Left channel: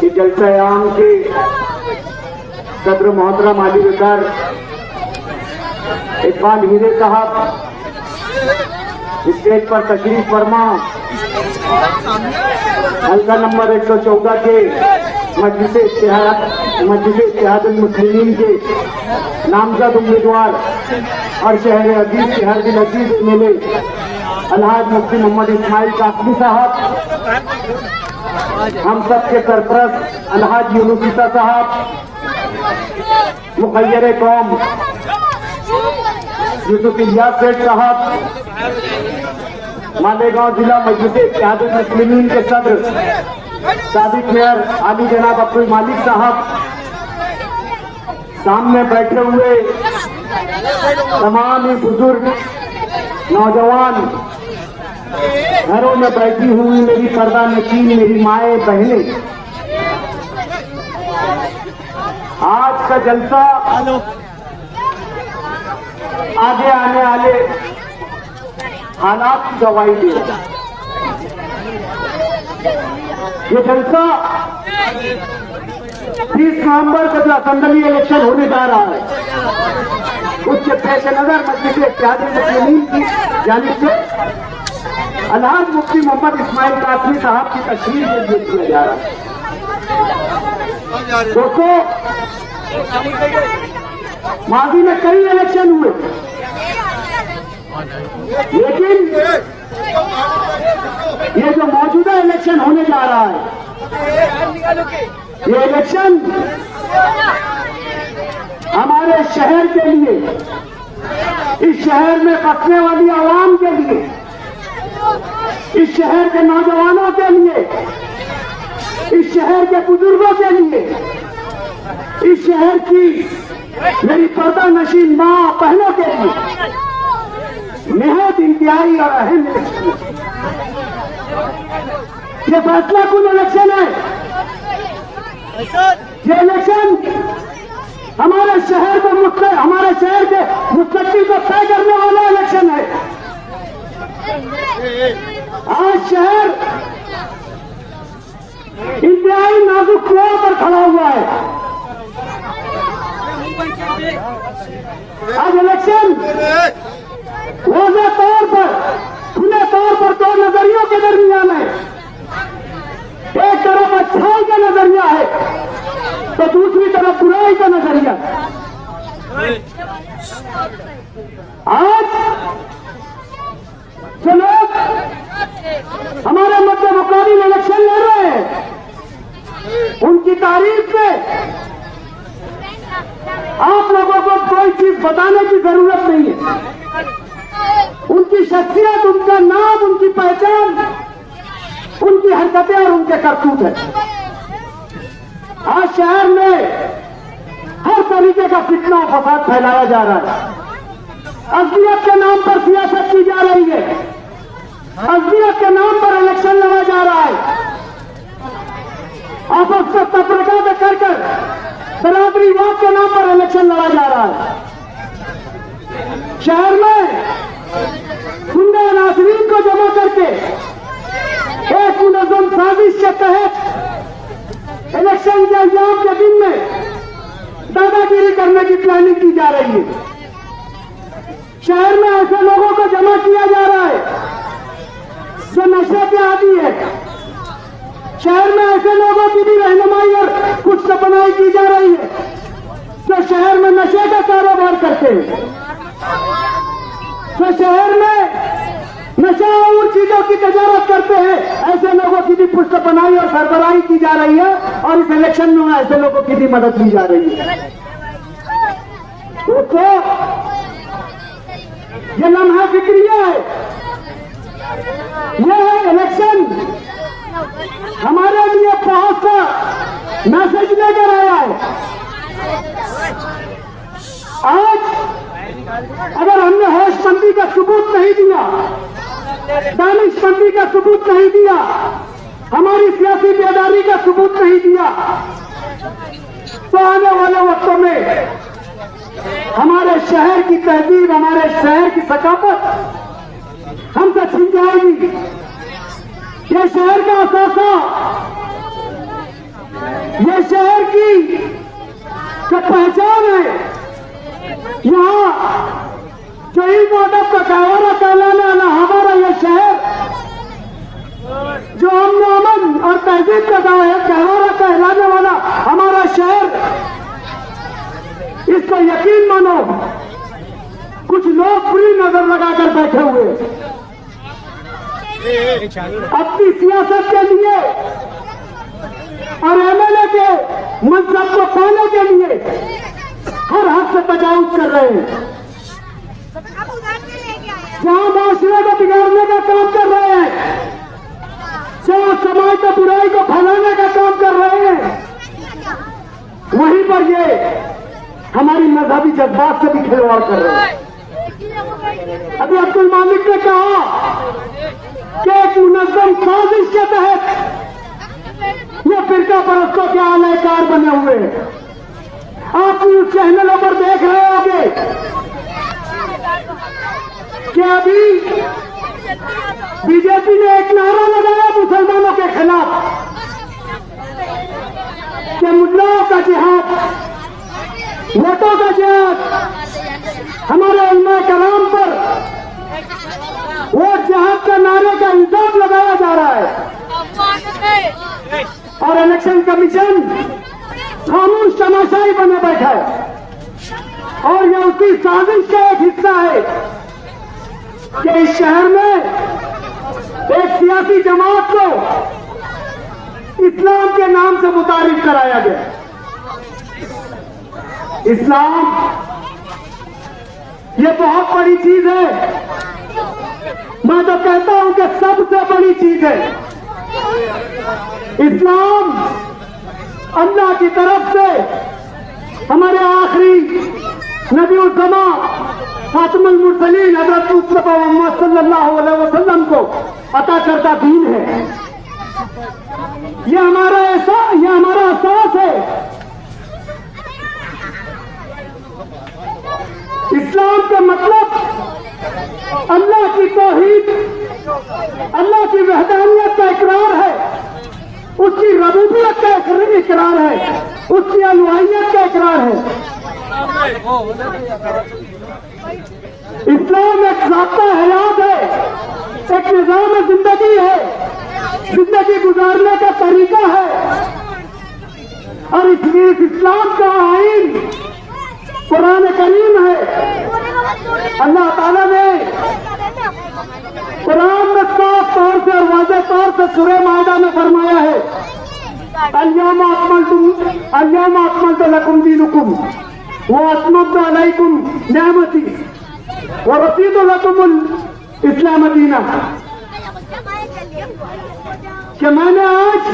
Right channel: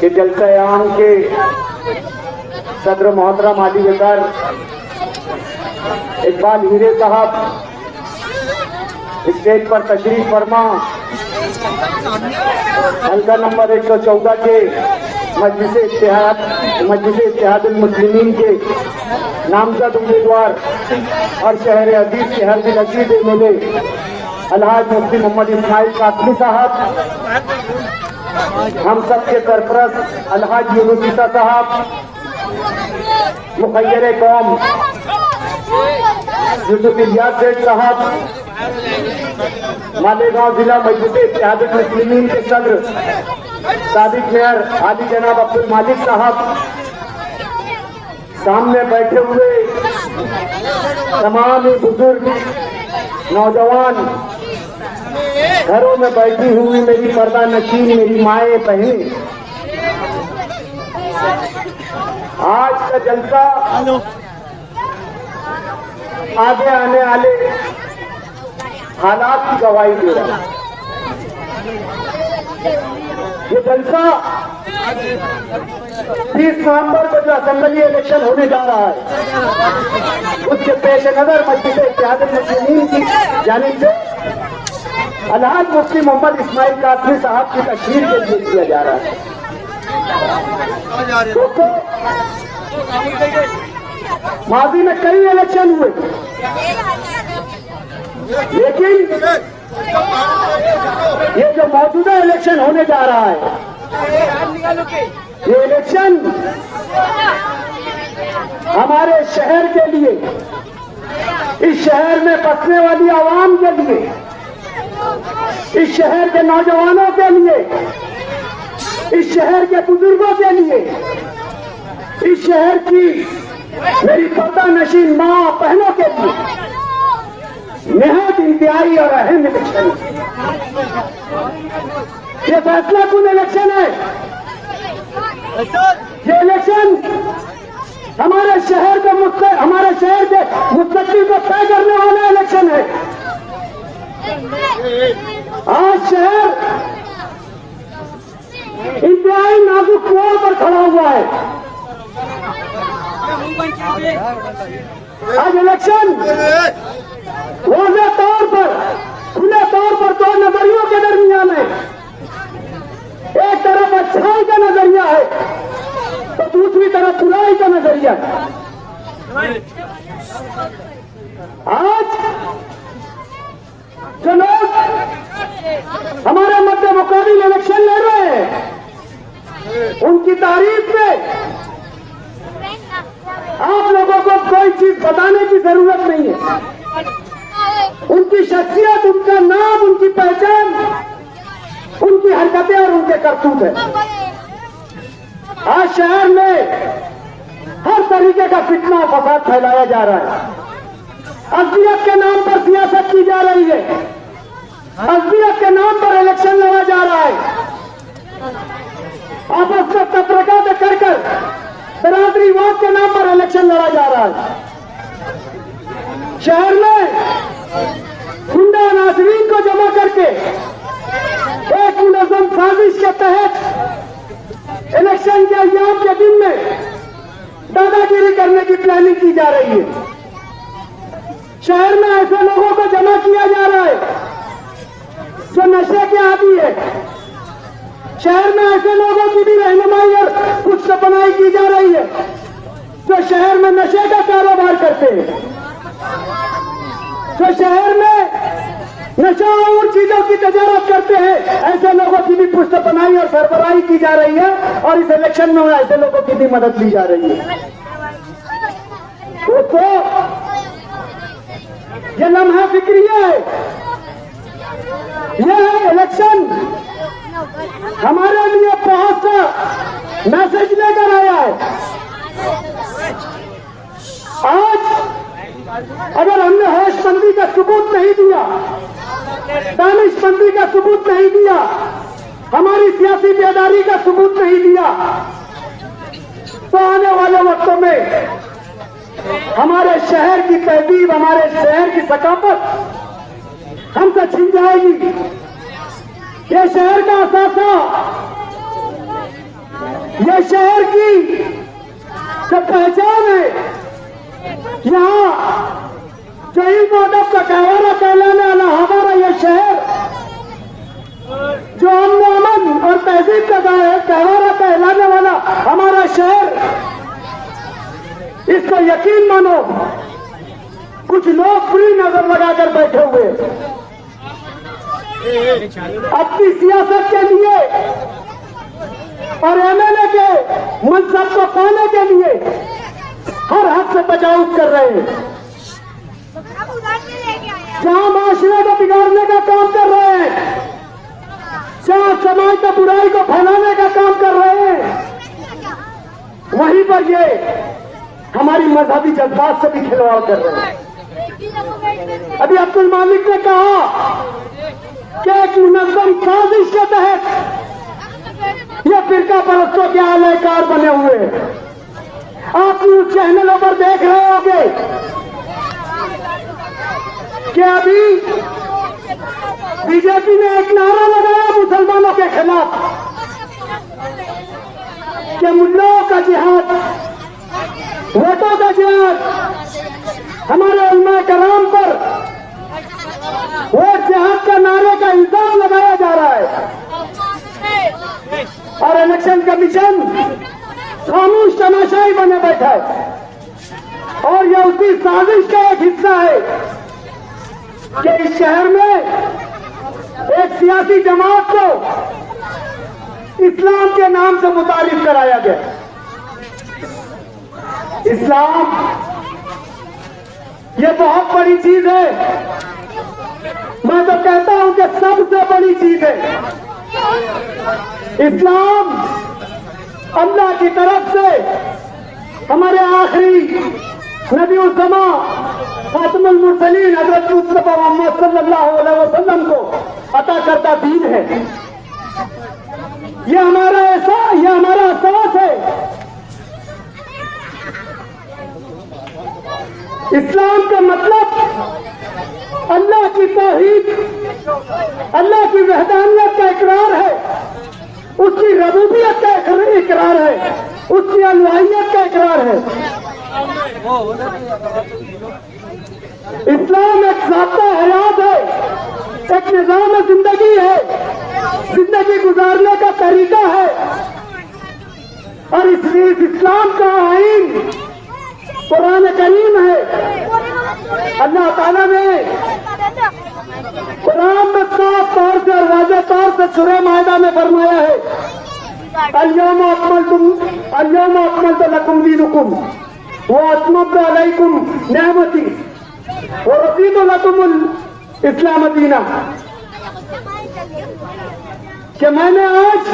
कि जलसा-ए-आम के सदर मोहतरम आली वज़ीर इकबाल हीरे साहब स्टेज पर तशरीफ फरमा हल्का नंबर 114 के मजलिस इत्तेहाद मुस्लिमीन के नामजद उम्मीदवार हर शहर अजीज के हर दिन अजीज मिले अलहाज मुफ्ती मोहम्मद इस्माइल कासमी साहब, हम सबके सरपरस्त अलहाज यूनुस ईसा साहब, मुखय्यर कौम यूसुफ इलियास सेठ साहब, मालेगांव जिला मजलिस इत्तेहाद मुस्लिमीन के सदर सादिक मेयर आली जनाब अब्दुल मालिक साहब, सामने बैठे हुए तमाम बुजुर्ग नौजवान, घरों में बैठी हुई मेरी पर्दा नशीन मेरी माएँ बहनें, आज का जलसा आगे आने वाले हालात की गवाही दे रहा है। ये जलसा 30 नवंबर को जो असेंबली इलेक्शन होने जा रहा है, उसके पेश नजर मजलिस इत्तेहाद मुस्लिमीन की जानिब से अलहाज मुफ्ती मोहम्मद इस्माइल कासमी साहब की तशरीफ के लिए किया जा रहा है। दोस्तों, माजी में कई इलेक्शन हुए, लेकिन ये जो मौजूदा इलेक्शन होने जा रहा है, ये इलेक्शन हमारे शहर के लिए, इस शहर में बसने वाली आवाम के लिए, इस शहर के नौजवानों के लिए, इस शहर के बुजुर्गों के लिए, इस शहर की मेरी पर्दा नशीन माँ बहनों के लिए निहायत इंतहाई और अहम इलेक्शन है। ये फैसला कुन इलेक्शन है। ये इलेक्शन हमारे शहर को हमारे शहर के मुस्तकबिल को तय करने वाला इलेक्शन है। आज शहर इंतहाई नाजुक कुआं पर खड़ा हुआ है। आज इलेक्शन वाज़ेह तौर पर, खुले तौर पर दो नजरियों के दरमियान है। एक तरफ अच्छाई का नजरिया है तो दूसरी तरफ बुराई का नजरिया। आज जो लोग हमारे मध्य मुकाबिल इलेक्शन लड़ रहे हैं, उनकी तारीफ में आप लोगों को कोई चीज बताने की जरूरत नहीं है। उनकी शख्सियत, उनका नाम, उनकी पहचान, उनकी हरकतें और उनके करतूत है। आज शहर में हर तरीके का फितना और फसाद फैलाया जा रहा है। असलियत के नाम पर सियासत की जा रही है। असलियत के नाम पर इलेक्शन लड़ा जा रहा है। आपस में तफरका कर बरादरीवाद के नाम पर इलेक्शन लड़ा जा रहा है। शहर में गुंडा नासरीन को जमा करके एक मुनज़्ज़म साजिश के तहत इलेक्शन के अय्याम के दिन में दादागिरी करने की प्लानिंग की जा रही है। शहर में ऐसे लोगों को जमा किया जा रहा है जो नशे के आदी है। शहर में ऐसे लोगों की भी रहनुमाई और कुछ सपनाई की जा रही है जो शहर में नशे का कारोबार करते हैं, जो शहर में नशा और चीजों की तजारत करते हैं। ऐसे लोगों की भी पुष्टपनाई और सरबराही की जा रही है और इस इलेक्शन में ऐसे लोगों की भी मदद ली जा रही है। तो ये लम्हा फिक्रिया है। यह इलेक्शन हमारे लिए बहुत सा मैसेज लेकर आया है। आज अगर हमने होशबंदी का सबूत नहीं दिया, दानिशमंदी का सबूत नहीं दिया, हमारी सियासी बेदारी का सबूत नहीं दिया, तो आने वाले वक्तों में हमारे शहर की तहजीब, हमारे शहर की सकाफत हमसे छिन जाएगी। ये शहर का असासा ये शहर की पहचान है। यहाँ शहीद मोहम्मद का गहवारा कहलाने वाला हमारा यह शहर, जो अमन और तहजीब का गहवारा कहलाने वाला हमारा शहर, इसको यकीन मानो कुछ लोग फ्री नजर लगाकर बैठे हुए अपनी सियासत के लिए और एमएलए के मनसब को पाने के लिए हर हद से तजावुज कर रहे हैं। जहां माशरे को बिगाड़ने का काम कर रहे हैं, जहां समाज को बुराई को फैलाने का काम कर रहे हैं, वहीं पर ये हमारी मजहबी जज्बात से भी खिलवाड़ कर रहे हैं। अभी अब्दुल मालिक ने कहा कि एक मुनज़्ज़म साजिश के तहत ये फिरका परस्तों के आलाकार बने हुए हैं। आप न्यूज चैनलों पर देख रहे होंगे कि अभी बीजेपी ने एक नारा लगाया मुसलमानों के खिलाफ कि मुल्लाओं का जिहाद, वोटों का जिहाद, हमारा उम्मा कराम पर वोट जिहाद के नारे का इल्जाम लगाया जा रहा है और इलेक्शन कमीशन खामोश तमाशाई बने बैठा है। और यह उसी साजिश का एक हिस्सा है कि इस शहर में एक सियासी जमात को इस्लाम के नाम से मुतारिफ कराया गया। इस्लाम ये बहुत बड़ी चीज है। मैं तो कहता हूं कि सबसे बड़ी चीज है। इस्लाम अल्लाह की तरफ से हमारे आखिरी नबी उज़्ज़मा खातमुल मुरसलीन हज़रत मुस्तफ़ा मोहम्मद सल्लल्लाहु अलैहि वसल्लम को अता करता दीन है। ये हमारा एहसास है। इस्लाम का मतलब अल्लाह की तौहीद, अल्लाह की वहदानियत का इकरार है, उसकी रबूबियत का इकरार है, उसकी अलूहियत का इकरार है। इस्लाम एक ज़ाब्ता हयात है, एक निज़ाम जिंदगी है, जिंदगी गुजारने का तरीका है। और इसलिए इस्लाम का आईन कुरान करीम है। अल्लाह ताला ने कुरान में साफ तौर से और वाज़ेह तौर से सूरह माइदा में फरमाया है, अल-यौम अकमलतु लकुम दीनुकुम व अतममतु अलैकुम निअमती व रदीतु लकुमुल इस्लाम दीना। कि मैंने आज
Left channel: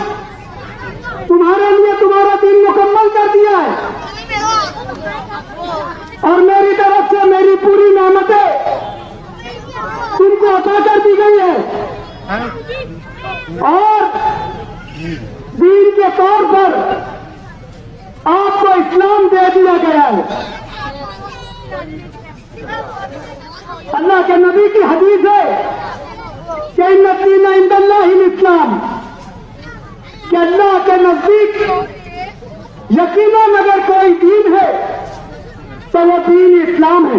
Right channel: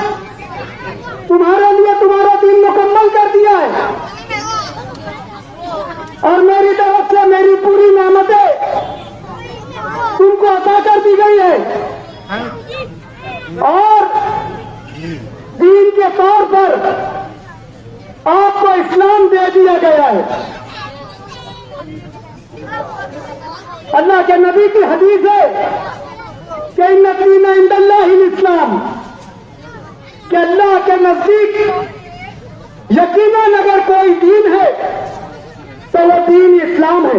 तुम्हारे लिए तुम्हारा दीन मुकम्मल कर दिया है और मेरी तरफ से मेरी पूरी नेमतें तुमको अता कर दी गई है। और दीन के तौर पर आपको इस्लाम दे दिया गया है। अल्लाह के नबी की हदीस है कि इन्ना दीन इंदल्लाहिल इस्लाम, कि अल्लाह के नजदीक यकीनन अगर कोई दीन है तो वो दीन इस्लाम है।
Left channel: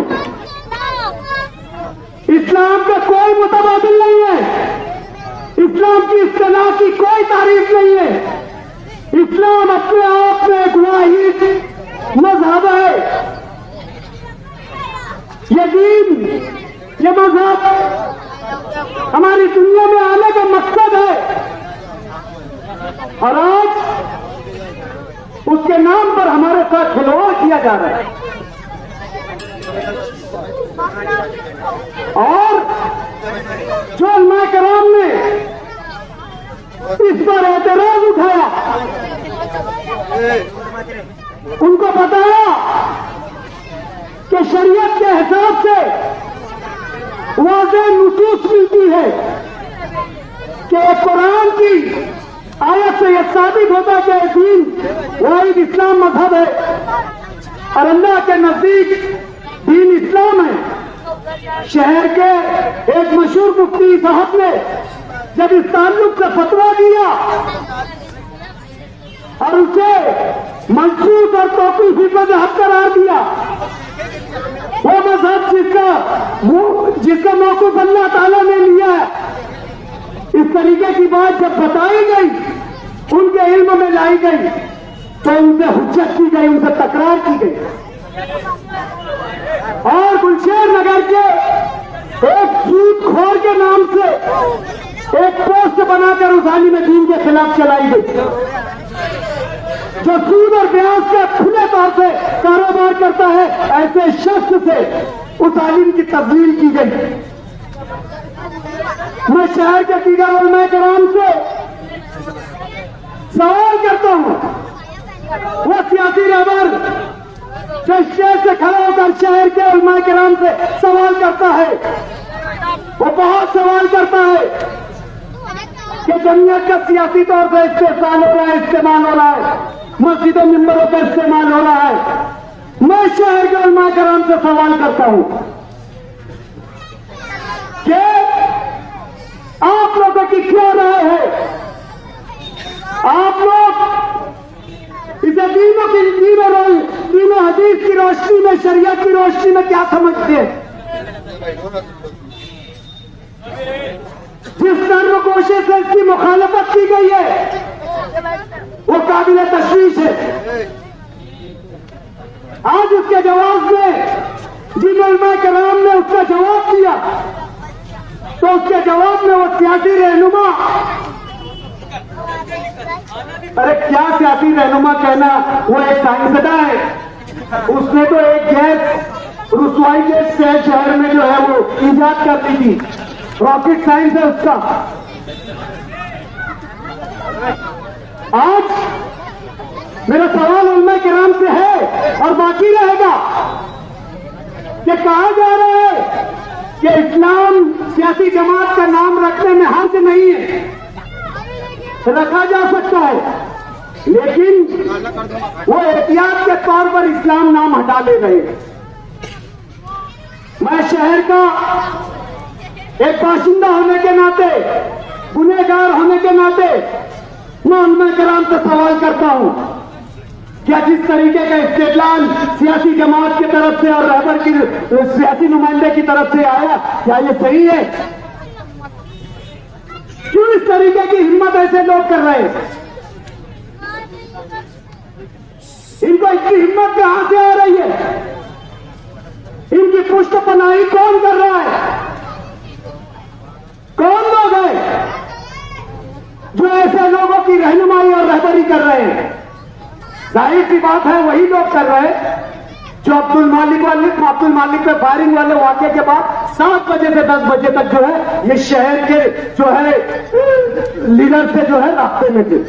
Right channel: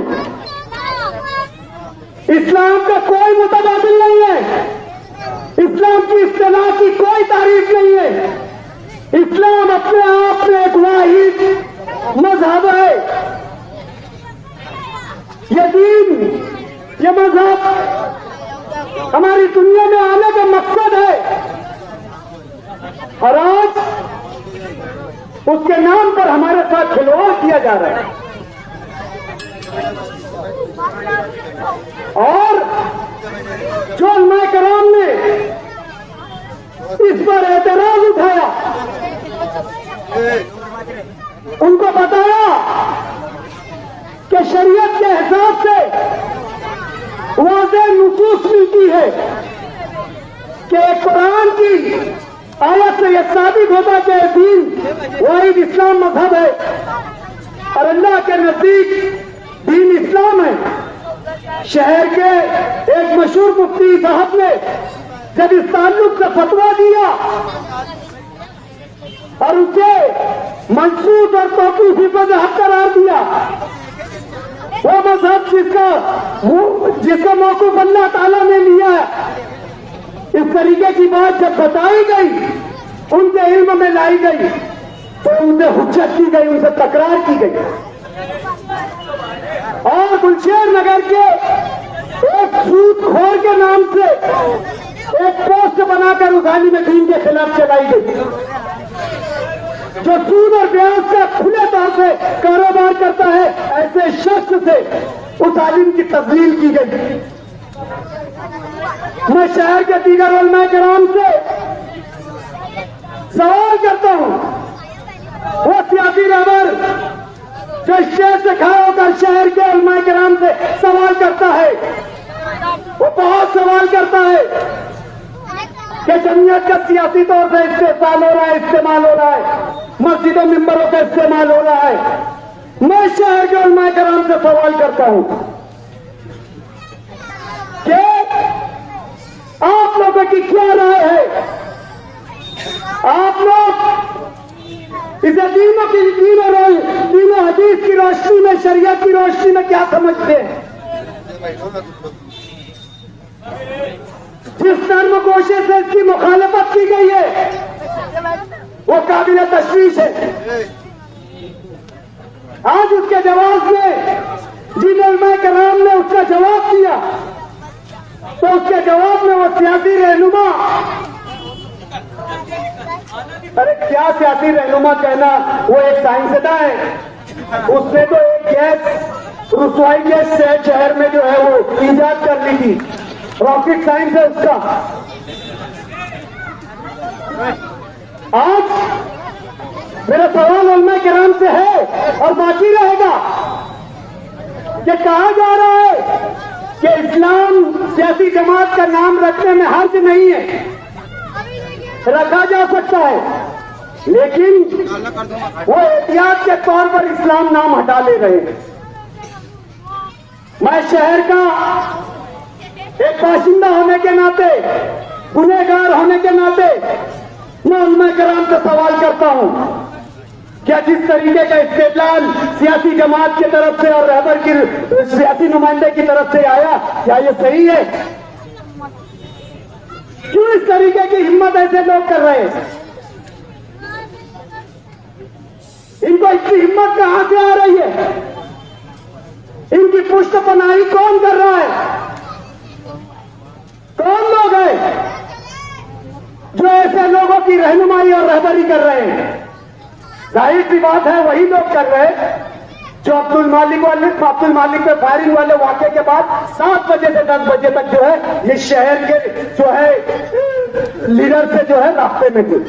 इस्लाम का कोई मुतबादिल नहीं है। इस्लाम की इस्तिलाह की कोई तारीफ नहीं है। इस्लाम अपने आप में एक वाहिद मजहब है। ये दीन, ये मजहब हमारी दुनिया में आने का मकसद है और आज उसके नाम पर हमारे साथ खिलवाड़ किया जा रहा है। और जो उलमा कराम ने इस पर एतराज उठाया, उनको बताया कि शरीयत के हिसाब से वाज़ेह नुसूस मिलती है कि कुरान की आयत से यह साबित होता कि दीन वाहिद इस्लाम मजहब है और अल्लाह के नजदीक दीन इस्लाम है। शहर के एक मशहूर मुफ्ती साहब ने जब इस ताल्लुक से फतवा दिया और उसे मनसूख और तौक़ीफ़ हिफ़्ज़ हक़ करार दिया। वो मजहब जिसका मौक़िफ़ अल्लाह ताला ने लिया, इस तरीके की बात जब बताई गई, उनके इल्म में लाई गई, तो उनसे हुज्जत की गई, उनसे तकरार की गई। और गुलशेर नगर के एक सूदखोर के नाम से एक पोस्ट बनाकर उसाली में दीन के खिलाफ चलाई गई, जो सूद और ब्याज का खुले तौर से कारोबार करता है। ऐसे शख्स से उस आलिम की तस्लील की गई। मैं शहर के दीगर उलमा किराम से सवाल करता हूं, वो सियासी रहबर जो स्टेज से खड़ा होकर शहर के उलमा किराम से सवाल करता है, वो बहुत सवाल करता है कि जमीयत का सियासी तौर से इस्तेमाल हो रहा है, मस्जिदों मिंबरों का इस्तेमाल हो रहा है। मैं शहर के उलमा किराम से सवाल करता हूं कि आप लोगों की क्या राय है? आप लोग इसे तीनों हदीस की रोशनी में, शरीयत की रोशनी में क्या समझते हैं? जिस धर्म कोशिश से इसकी मुखालफत की गई है, वो काबिल तशवीश है। आज उसके जवाब में जिन उलमा किराम ने उसका जवाब दिया, तो उसके जवाब में वो सियासी रहनुमा, अरे क्या सियासी रहनुमा कहना, वो एक साइंसदा है। उसने तो एक गैस रुसवाई गैस शहर में जो है वो ईजाद कर ली थी, रॉकेट साइंस है उसका। आज मेरा सवाल उलमा किराम से है और बाकी रहेगा कि कहा जा रहा है कि इस्लाम सियासी जमात का नाम रखने में हर्ज नहीं है, रखा जा सकता है, लेकिन वो एहतियात के तौर पर इस्लाम नाम हटा ले रहे हैं। मैं शहर का एक बाशिंदा होने के नाते, गुनहगार होने के नाते, मैं उलमा किराम से सवाल करता हूं, क्या जिस तरीके का इस्तेदलाल सियासी जमात की तरफ से और रहबर की सियासी नुमाइंदे की तरफ से आया, क्या ये सही है? क्यों इस तरीके की हिम्मत ऐसे लोग कर रहे हैं? इनको इतनी हिम्मत कहां से आ रही है? इनकी पुष्ट पनाही कौन कर रहा है? कौन लोग हैं जो ऐसे लोगों की रहनुमाई और रहबरी कर रहे हैं? जाहिर सी बात है, वही लोग कर रहे हैं जो अब्दुल मालिक पे फायरिंग वाले वाक़े के बाद 7 बजे से 10 बजे तक जो है ये शहर के जो है लीडर से जो है रास्ते में थे।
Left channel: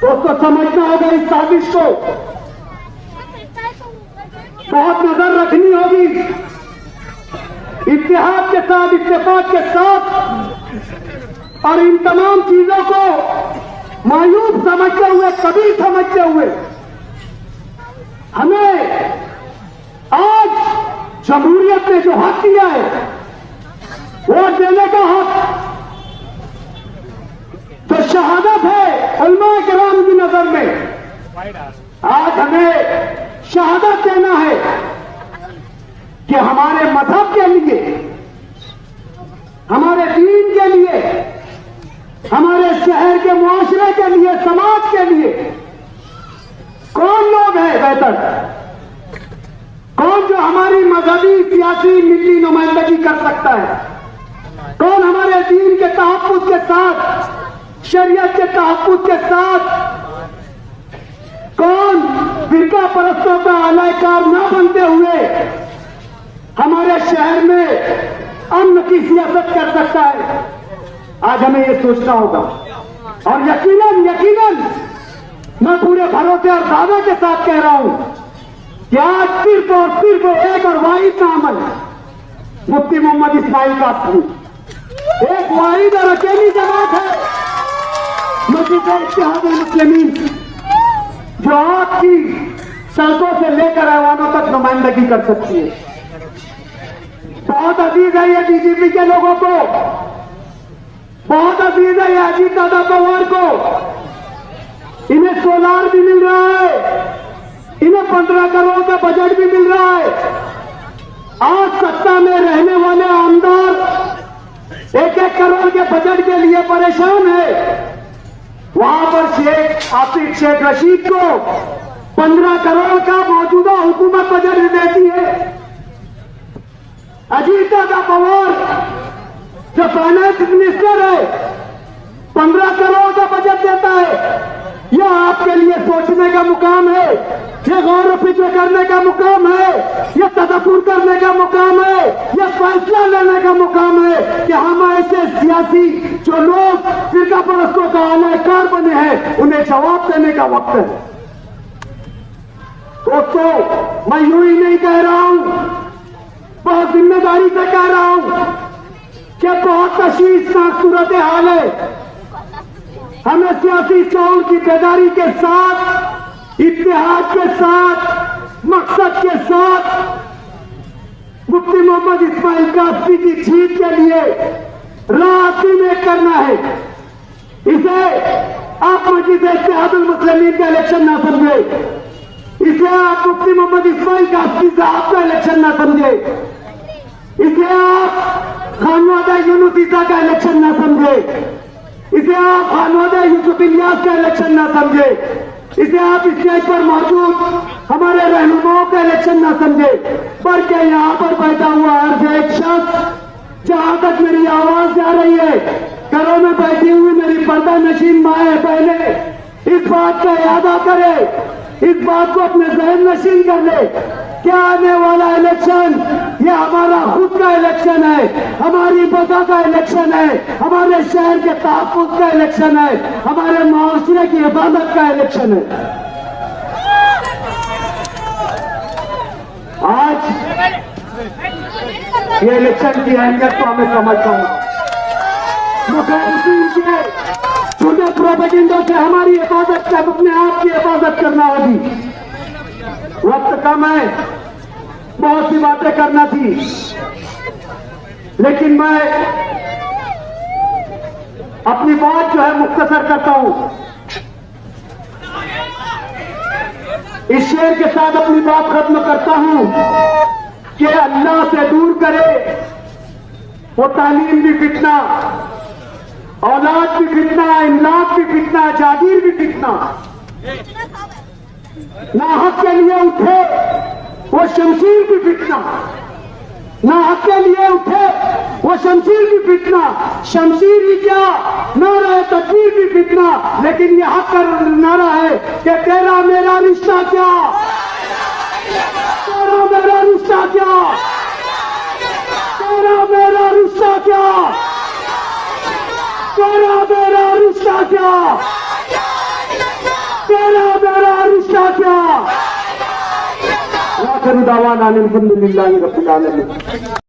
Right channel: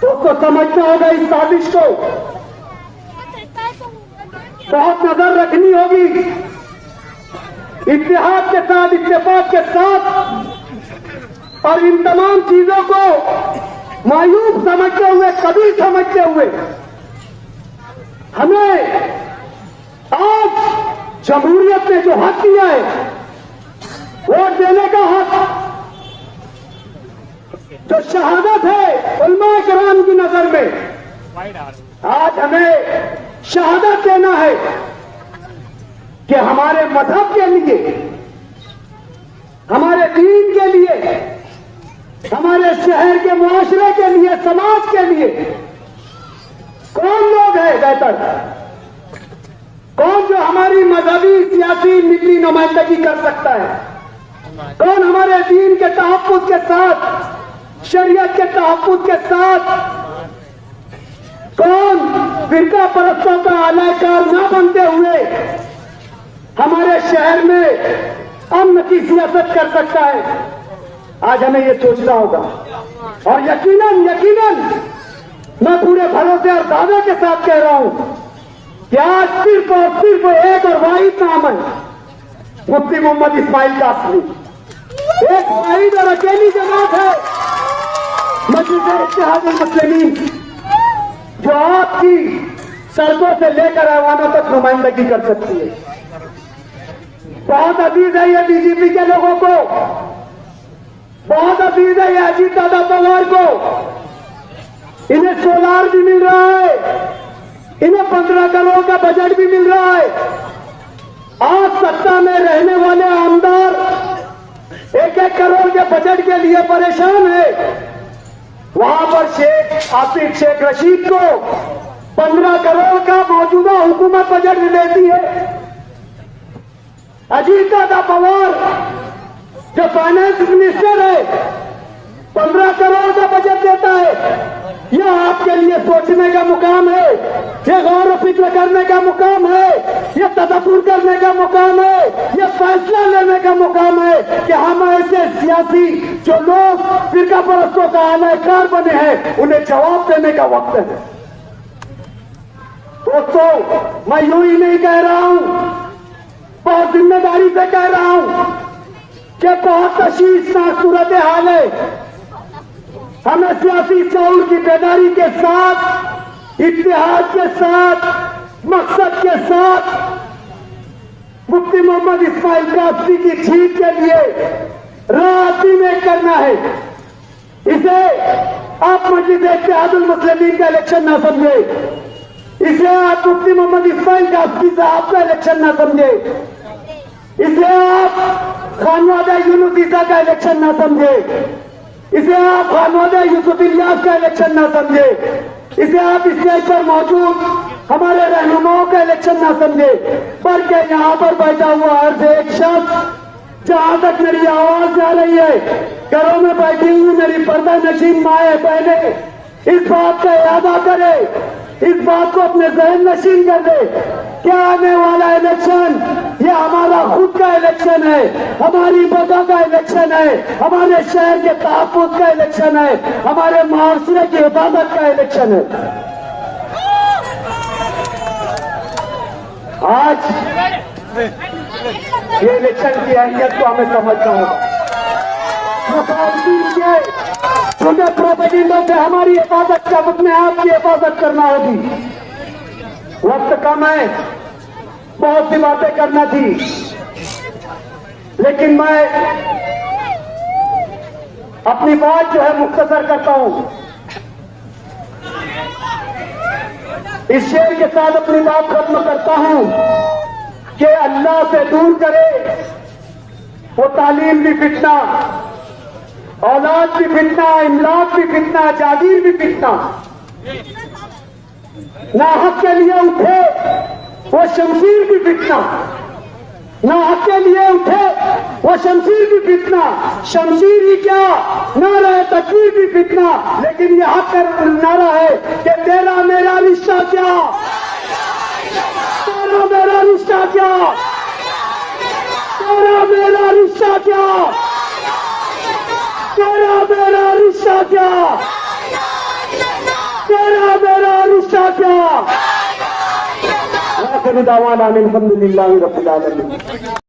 तो उसको समझना होगा, इस साजिश को बहुत नजर रखनी होगी। इत्तेहाद के साथ, इत्तेफाक के साथ और इन तमाम चीजों को मायूस समझते हुए, कभी समझते हुए, हमें आज जमहूरियत ने जो हक दिया है, वोट देने का हक, जो शहादत है उलमा किराम की नजर में, आज हमें शहादत देना है कि हमारे मजहब के लिए, हमारे दीन के लिए, हमारे शहर के मुआशरे के लिए, समाज के लिए कौन लोग हैं बेहतर? कौन जो हमारी मजहबी, सियासी, मिली नुमाइंदगी कर सकता है? कौन हमारे दीन के तहफ्फुज़ के साथ, शरीयत के तहफ्फुज़ के साथ, कौन फिरका परस्तों का आलाकार न बनते हुए हमारे शहर में अमन की सियासत कर सकता है? आज हमें ये सोचना होगा। और यकीनन मैं पूरे भरोसे और दावे के साथ कह रहा हूं कि आज सिर्फ और सिर्फ एक और वाहिद नाम है, मुफ्ती मोहम्मद इस्माइल कासमी। एक वाहिद और अकेली जमात है मजलिस-ए-इत्तेहादुल मुस्लिमीन, जो आपकी सड़कों से लेकर ऐवानों तक नुमाइंदगी कर सकती है। बहुत अजीज है ये बीजेपी के लोगों को, बहुत अजीज है ये अजीत दादा पवार को, इन्हें सोलार भी मिल रहा है, इन्हें 15 करोड़ का बजट भी मिल रहा है। आज सत्ता में रहने वाले आमदार 1-1 करोड़ के बजट के लिए परेशान है। वहां पर शेख आतिक शेख रशीद को 15 करोड़ का मौजूदा हुकूमत बजट देती है। अजीत दादा पवार जो फाइनेंस मिनिस्टर है 15 करोड़ का बजट देता है। यह आपके लिए सोचने का मुकाम है, यह गौर फिक्र करने का मुकाम है, यह तदब्बुर करने का मुकाम है, यह फैसला लेने का मुकाम है कि हम ऐसे सियासी जो लोग फिरका परस्तों का आलाकार बने हैं उन्हें जवाब देने का वक्त है। दोस्तों, मैं यूं ही नहीं कह रहा हूं, बहुत जिम्मेदारी से कह रहा हूं कि बहुत तशवीशनाक सूरत हाल है। हमें सियासी शऊर की बेदारी के साथ, इत्तेहाद के साथ, मकसद के साथ मुफ्ती मोहम्मद इस्माइल कासमी की जीत के लिए रात में करना है। इसे आप मजलिस इत्तेहादुल मुस्लिमीन का इलेक्शन ना समझे, इसे आप मुफ्ती मोहम्मद इस्माइल कासमी साहब का इलेक्शन ना समझे, इसे आप खानवादा यूनुस ईसा का इलेक्शन ना समझे, इसे आप खानवादा यूसुफ इलियास का इलेक्शन ना समझे, इसे आप स्टेज पर मौजूद हमारे रहनुमाओं का इलेक्शन ना समझे, बल्कि यहाँ पर बैठा हुआ हर एक शख्स जहां तक मेरी आवाज जा रही है, घरों में बैठी हुई मेरी पर्दा नशीन माएं बहनें इस बात का इरादा करे, इस बात को अपने जहन नशीन कर ले। क्या आने वाला इलेक्शन यह हमारा खुद का इलेक्शन है, हमारी बका का इलेक्शन है, हमारे शहर के तहफ्फुज़ का इलेक्शन है, हमारे माशरे की हिफाजत का इलेक्शन है। आज ये इलेक्शन की अहमियत को हमें समझता हूं। मुखालफिन के छोटे प्रोपेगेंडा से हमारी हिफाजत का अपने आप की हिफाजत करना होगी। वक्त कम है, बहुत सी बातें करना थी, लेकिन मैं अपनी बात जो है मुख्तसर करता हूं। इस शेर के साथ अपनी बात खत्म करता हूं कि अल्लाह से दूर करे वो तालीम भी फितना, औलाद भी फितना, इमलाक भी फितना, जागीर भी फितना। ना हक के लिए उठे वो शमशीर भी फितना, ना हक के लिए उठे वो शमशीर भी फितना। शमशीर ही क्या, नारा तकबीर भी फितना। लेकिन ये हक का नारा है कि तेरा मेरा रिश्ता क्या, तेरा मेरा रिश्ता क्या, तेरा मेरा रिश्ता क्या, तेरा मेरा रिश्ता क्या, तेरा मेरा रिश्ता क्या। आखिर दावाना अल्हम्दुलिल्लाहि रब्बिल आलमीन।